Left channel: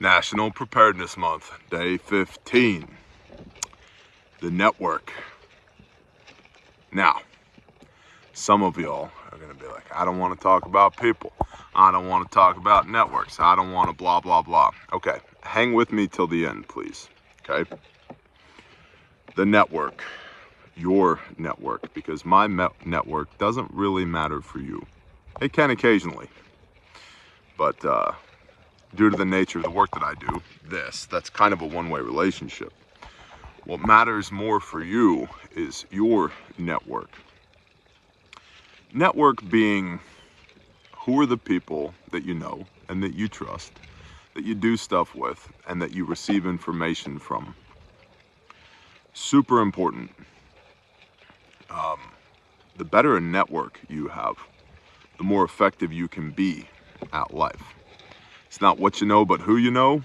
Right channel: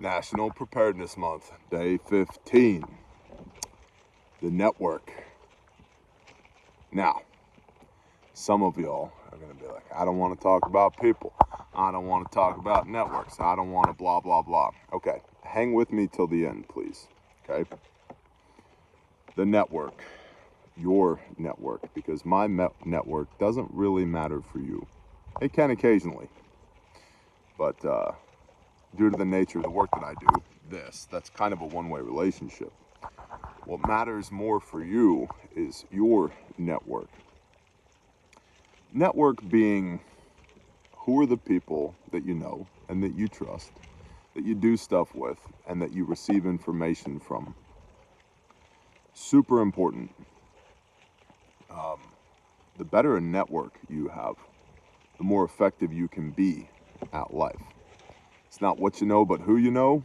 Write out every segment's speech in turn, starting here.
National Preparedness Month, day 15. The network. Now, some of y'all are going to be like, I don't want to talk about people. I don't want to talk about networks. I don't want to blah, blah, blah. Okay, hang with me till the end, please. Okay? The network. Your network. Because my network doesn't really matter for you. It can occasionally. But due to the nature of the work that I do, that's kind of a one-way relationship. What matters more for you is your network. Network being who are the people that you know and that you trust, that you do stuff with, and that you receive information from. Super important. The better a network you have, the more effective you can be at life. It's not what you know, but who you know.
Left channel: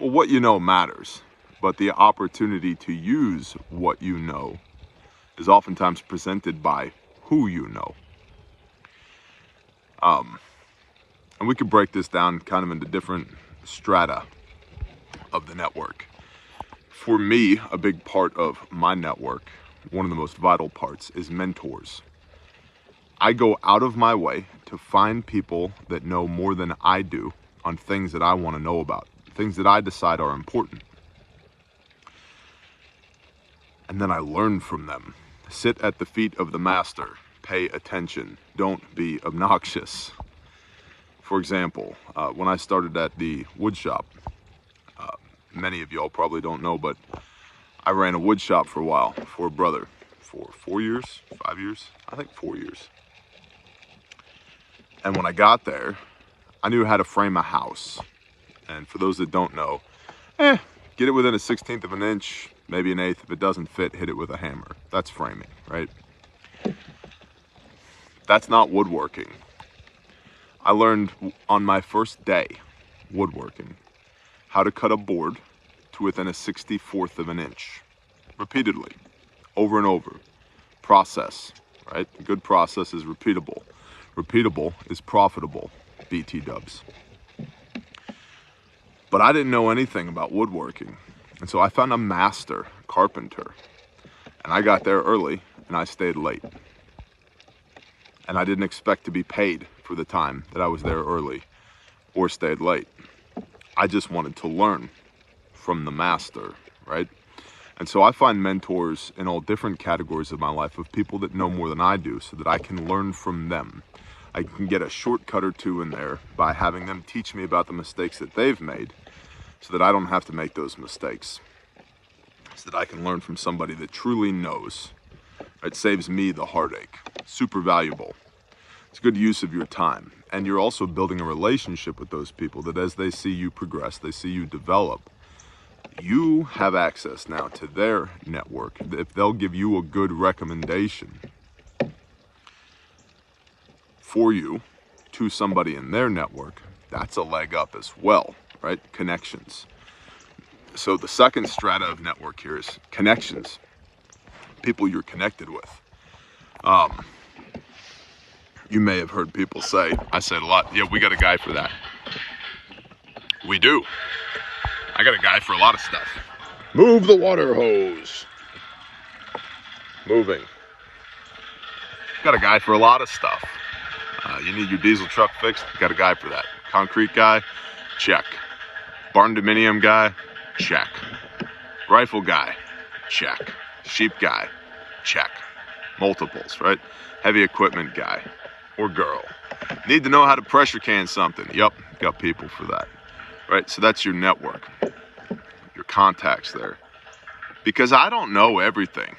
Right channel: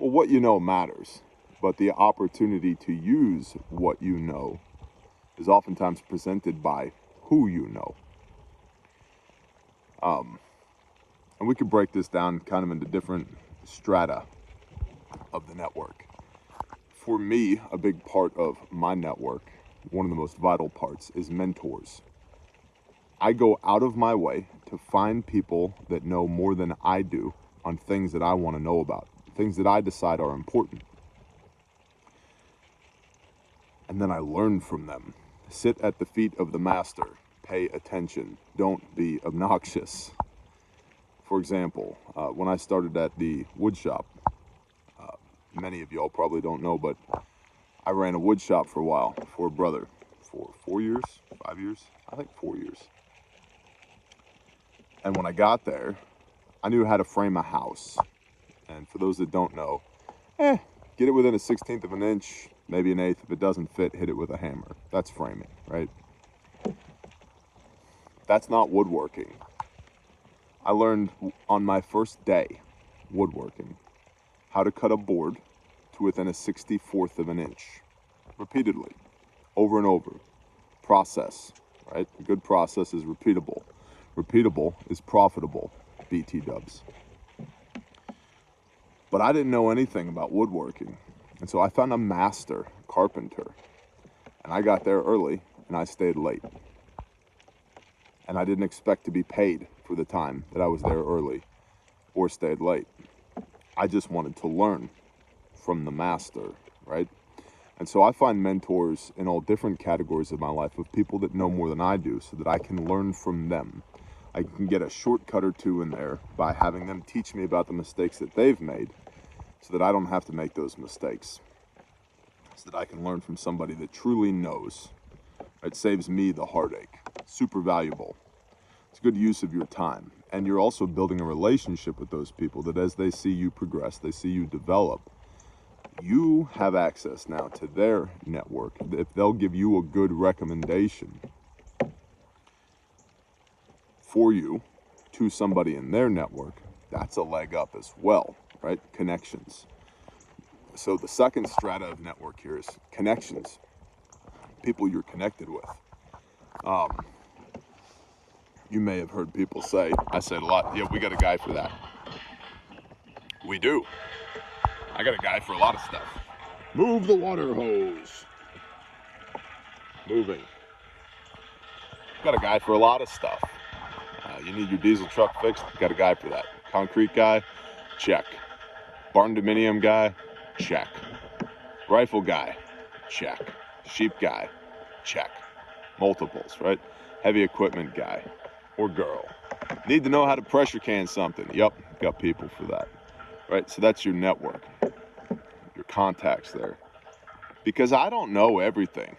Well, what you know matters, but the opportunity to use what you know is oftentimes presented by who you know. And we could break this down kind of into different strata of the network. For me, a big part of my network, one of the most vital parts, is mentors. I go out of my way to find people that know more than I do on things that I want to know about, things that I decide are important. And then I learn from them. Sit at the feet of the master. Pay attention. Don't be obnoxious. For example, when I started at the wood shop, many of y'all probably don't know, but I ran a wood shop for a while for a brother for 4 years, 5 years, I think 4 years. And when I got there, I knew how to frame a house. And for those that don't know, get it within a 1/16 of an inch, maybe an 1/8. If it doesn't fit, hit it with a hammer. That's framing, right? That's not woodworking. I learned on my first day woodworking how to cut a board to within a 1/64 of an inch, repeatedly, over and over. Process, right? A good process is repeatable. Repeatable is profitable, BT dubs. But I didn't know anything about woodworking. And so I found a master carpenter. And I got there early and I stayed late. And I didn't expect to be paid for the time that I was there early or stayed late. I just wanted to learn from the master, right? And so I find mentors in all different categories of my life of people that know more than I do so that I can learn from them. I can get a shortcut or two in there by having them teach me about the mistakes that they've made so that I don't have to make those mistakes. So that I can learn from somebody that truly knows. It saves me the heartache. Super valuable. It's a good use of your time. And you're also building a relationship with those people that as they see you progress, they see you develop, you have access now to their network. If they'll give you a good recommendation for you to somebody in their network, that's a leg up as well, right? Connections. So the second strata of network here is connections. People you're connected with. You may have heard people say, I said a lot, yeah, we got a guy for that. We do. I got a guy for a lot of stuff. Move the water hose. Moving. Got a guy for a lot of stuff. You need your diesel truck fixed, got a guy for that. Concrete guy, check. Barn dominium guy, check. Rifle guy, check. Sheep guy, check. Multiples, right? Heavy equipment guy or girl. Need to know how to pressure can something. Yep, got people for that. Right, so that's your network, your contacts there. Because I don't know everything,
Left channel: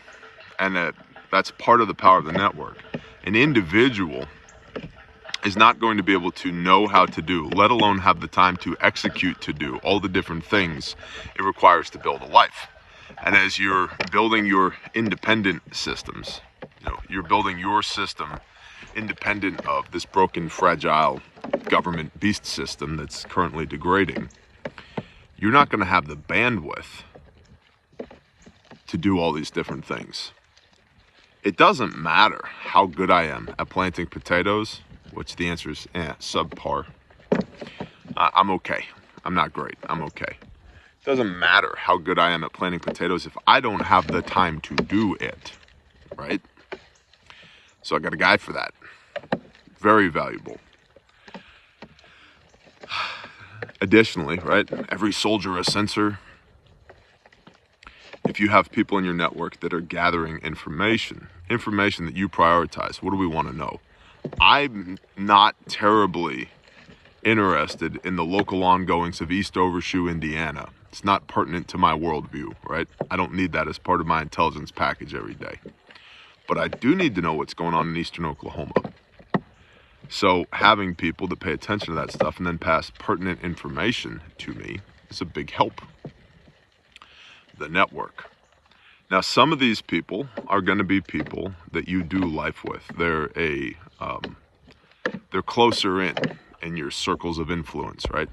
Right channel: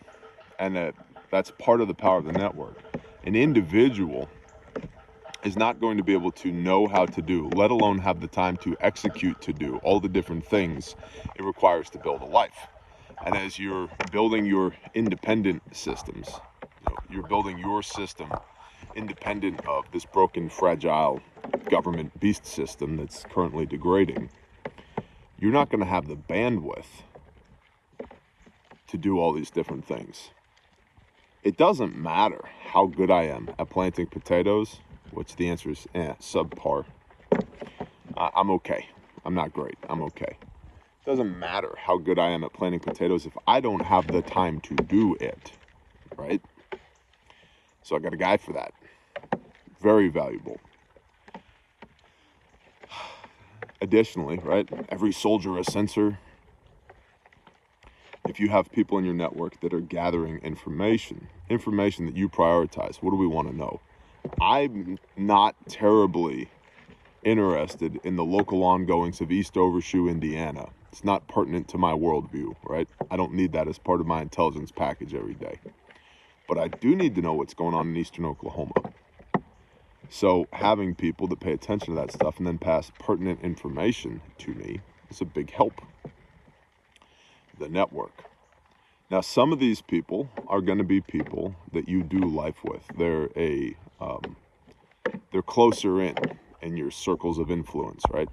and that's part of the power of the network. An individual is not going to be able to know how to do, let alone have the time to execute to do all the different things it requires to build a life. And as you're building your independent systems, you're building your system independent of this broken, fragile government beast system that's currently degrading, you're not going to have the bandwidth to do all these different things. It doesn't matter how good I am at planting potatoes, which the answer is subpar. I'm okay. I'm not great. I'm okay. It doesn't matter how good I am at planting potatoes if I don't have the time to do it, right? So I got a guy for that. Very valuable. Additionally, right, every soldier a sensor. If you have people in your network that are gathering information that you prioritize, what do we want to know? I'm not terribly interested in the local ongoings of East Overshoe, Indiana. It's not pertinent to my worldview, right? I don't need that as part of my intelligence package every day. But I do need to know what's going on in Eastern Oklahoma. So having people that pay attention to that stuff and then pass pertinent information to me is a big help. The network. Now, some of these people are going to be people that you do life with. They're closer in your circles of influence, right?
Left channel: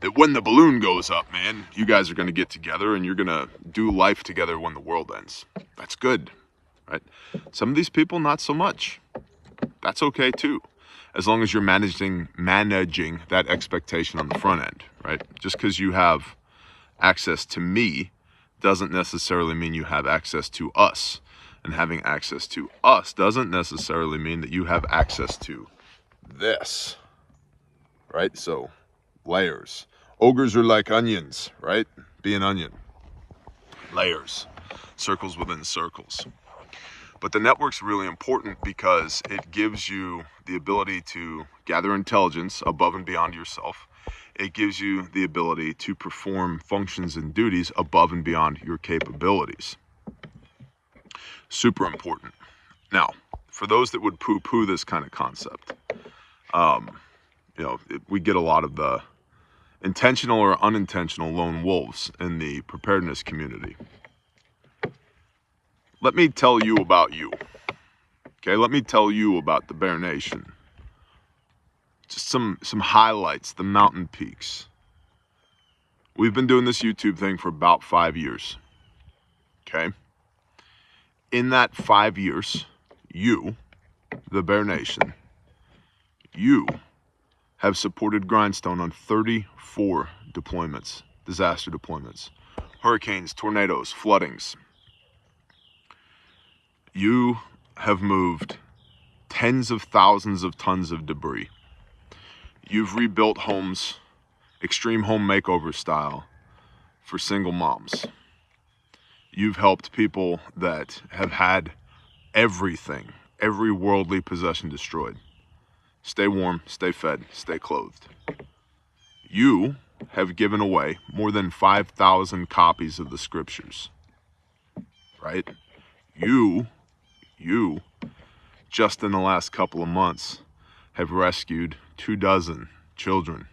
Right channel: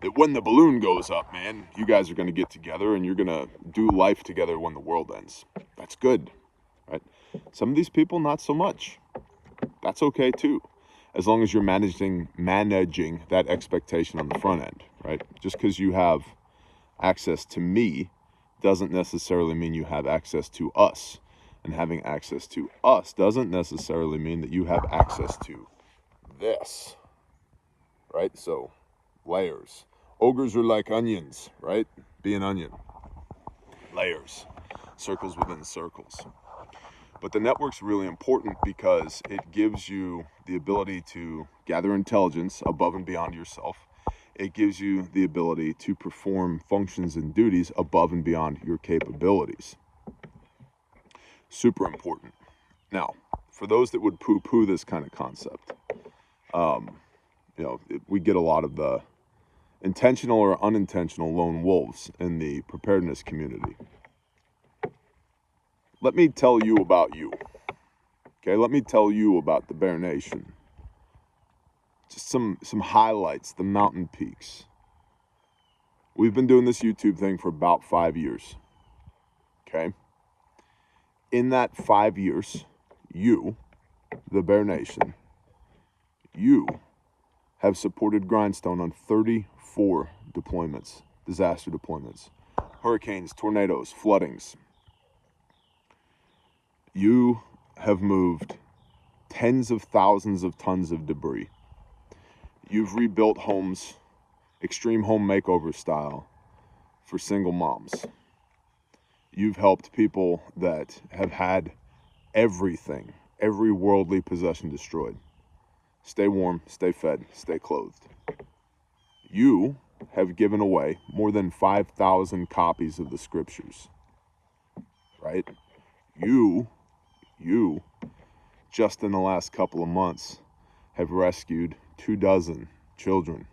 That when the balloon goes up, man, you guys are going to get together and you're going to do life together when the world ends. That's good, right? Some of these people, not so much. That's okay too, as long as you're managing that expectation on the front end, right? Just because you have access to me doesn't necessarily mean you have access to us. And having access to us doesn't necessarily mean that you have access to this, right? So, layers. Ogres are like onions, right? Be an onion. Layers. Circles within circles. But the network's really important because it gives you the ability to gather intelligence above and beyond yourself. It gives you the ability to perform functions and duties above and beyond your capabilities. Super important. Now, for those that would poo-poo this kind of concept, we get a lot of the intentional or unintentional lone wolves in the preparedness community. Let me tell you about you. Okay, let me tell you about the Bear Nation. Just some highlights, the mountain peaks. We've been doing this YouTube thing for about 5 years. Okay? In that 5 years, you, the Bear Nation, you have supported Grindstone on 34 deployments, disaster deployments, hurricanes, tornadoes, floodings. You have moved tens of thousands of tons of debris. You've rebuilt homes, extreme home makeover style, for single moms. You've helped people that have had everything, every worldly possession destroyed. Stay warm, stay fed, stay clothed. You have given away more than 5,000 copies of the scriptures, right? You, just in the last couple of months, have rescued 24 children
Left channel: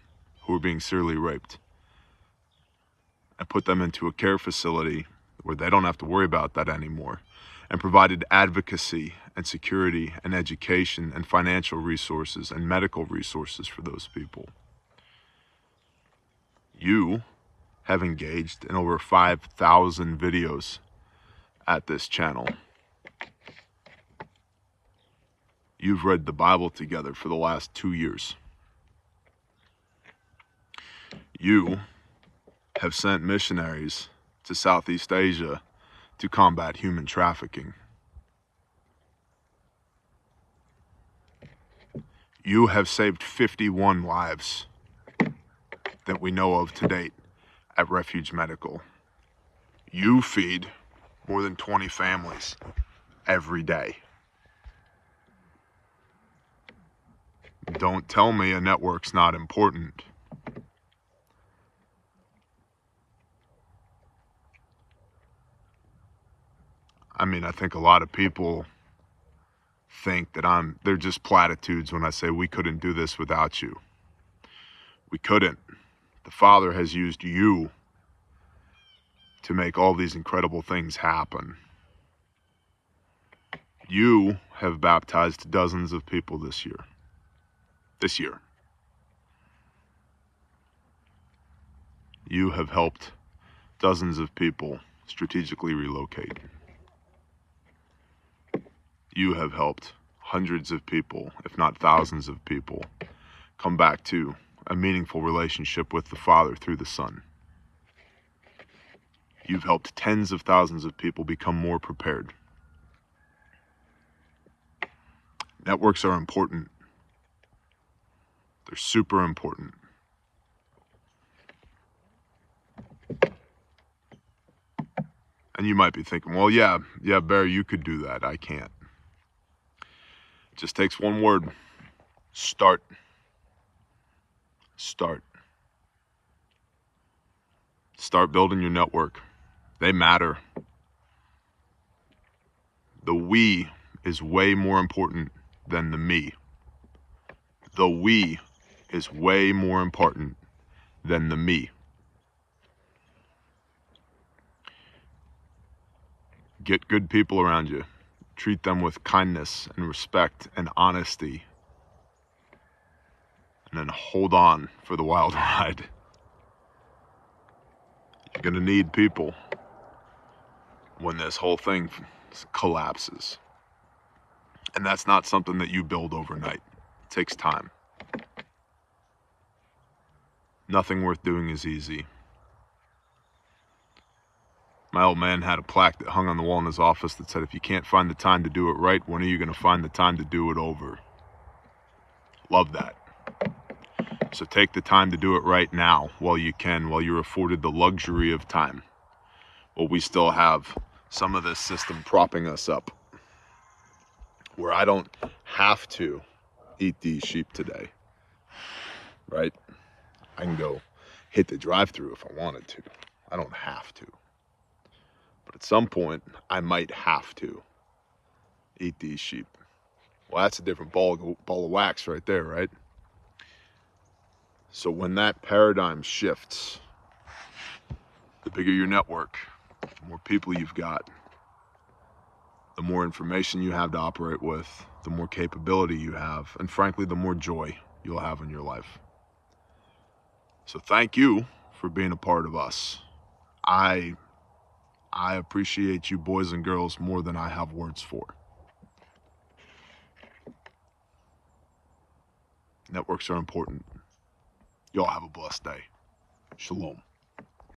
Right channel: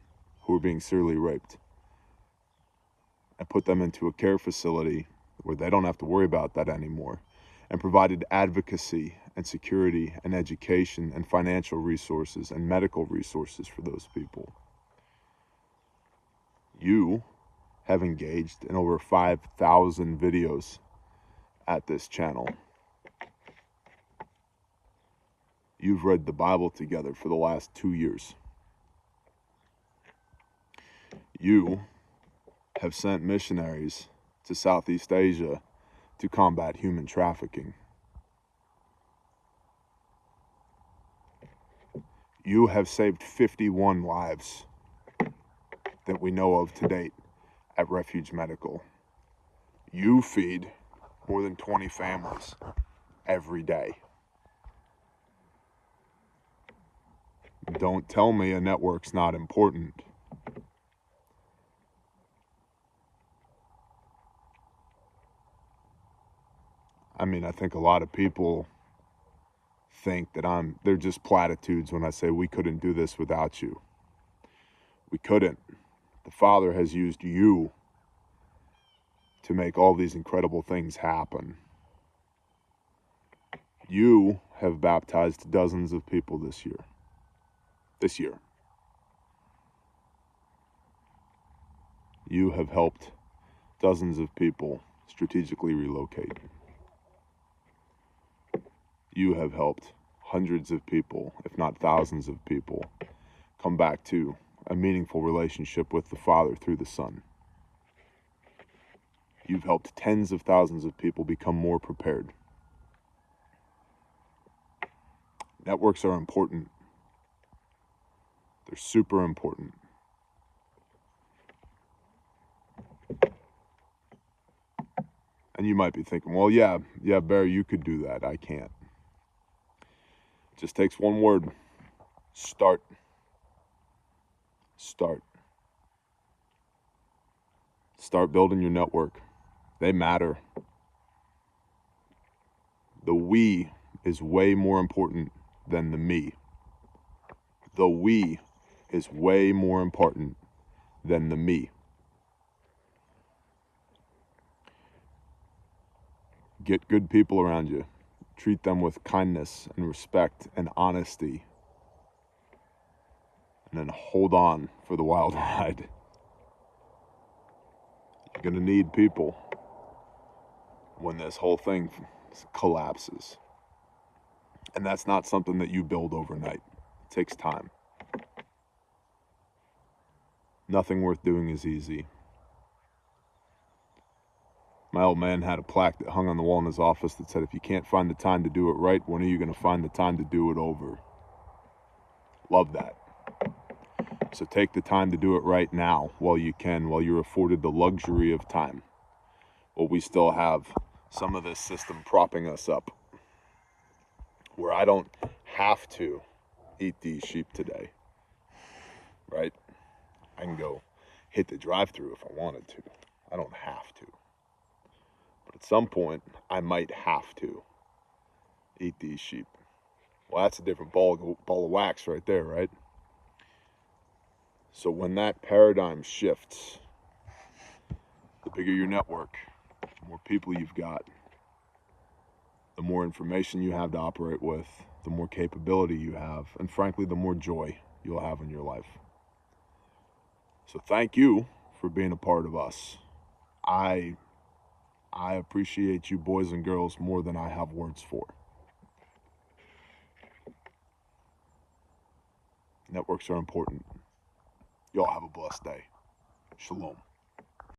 who were being serially raped and put them into a care facility where they don't have to worry about that anymore, and provided advocacy and security and education and financial resources and medical resources for those people. You have engaged in over 5,000 videos at this channel. You've read the Bible together for the last 2 years. You have sent missionaries to Southeast Asia to combat human trafficking. You have saved 51 lives that we know of to date at Refuge Medical. You feed more than 20 families every day. Don't tell me a network's not important. I mean, I think a lot of people think that they're just platitudes when I say we couldn't do this without you. We couldn't. The Father has used you to make all these incredible things happen. You have baptized dozens of people this year. You have helped dozens of people strategically relocate. You have helped hundreds of people, if not thousands of people, come back to a meaningful relationship with the Father through the Son. You've helped tens of thousands of people become more prepared. Networks are important. They're super important. And you might be thinking, well, yeah, Barry, you could do that. I can't. It just takes one word. Start. Start. Start building your network. They matter. The we is way more important than the me. The we is way more important than the me. Get good people around you. Treat them with kindness and respect and honesty. And then hold on for the wild ride. You're going to need people when this whole thing collapses. And that's not something that you build overnight. It takes time. Nothing worth doing is easy. My old man had a plaque that hung on the wall in his office that said, if you can't find the time to do it right, when are you going to find the time to do it over? Love that. So take the time to do it right now while you can, while you're afforded the luxury of time. While we still have some of this system propping us up, where I don't have to eat these sheep today, right? I can go hit the drive-thru if I wanted to. I don't have to. But at some point, I might have to eat these sheep. Well, that's a different ball of wax right there, right? So when that paradigm shifts, the bigger your network, the more people you've got, the more information you have to operate with, the more capability you have, and frankly, the more joy you'll have in your life. So thank you for being a part of us. I appreciate you boys and girls more than I have words for. Networks are important. Y'all have a blessed day. Shalom.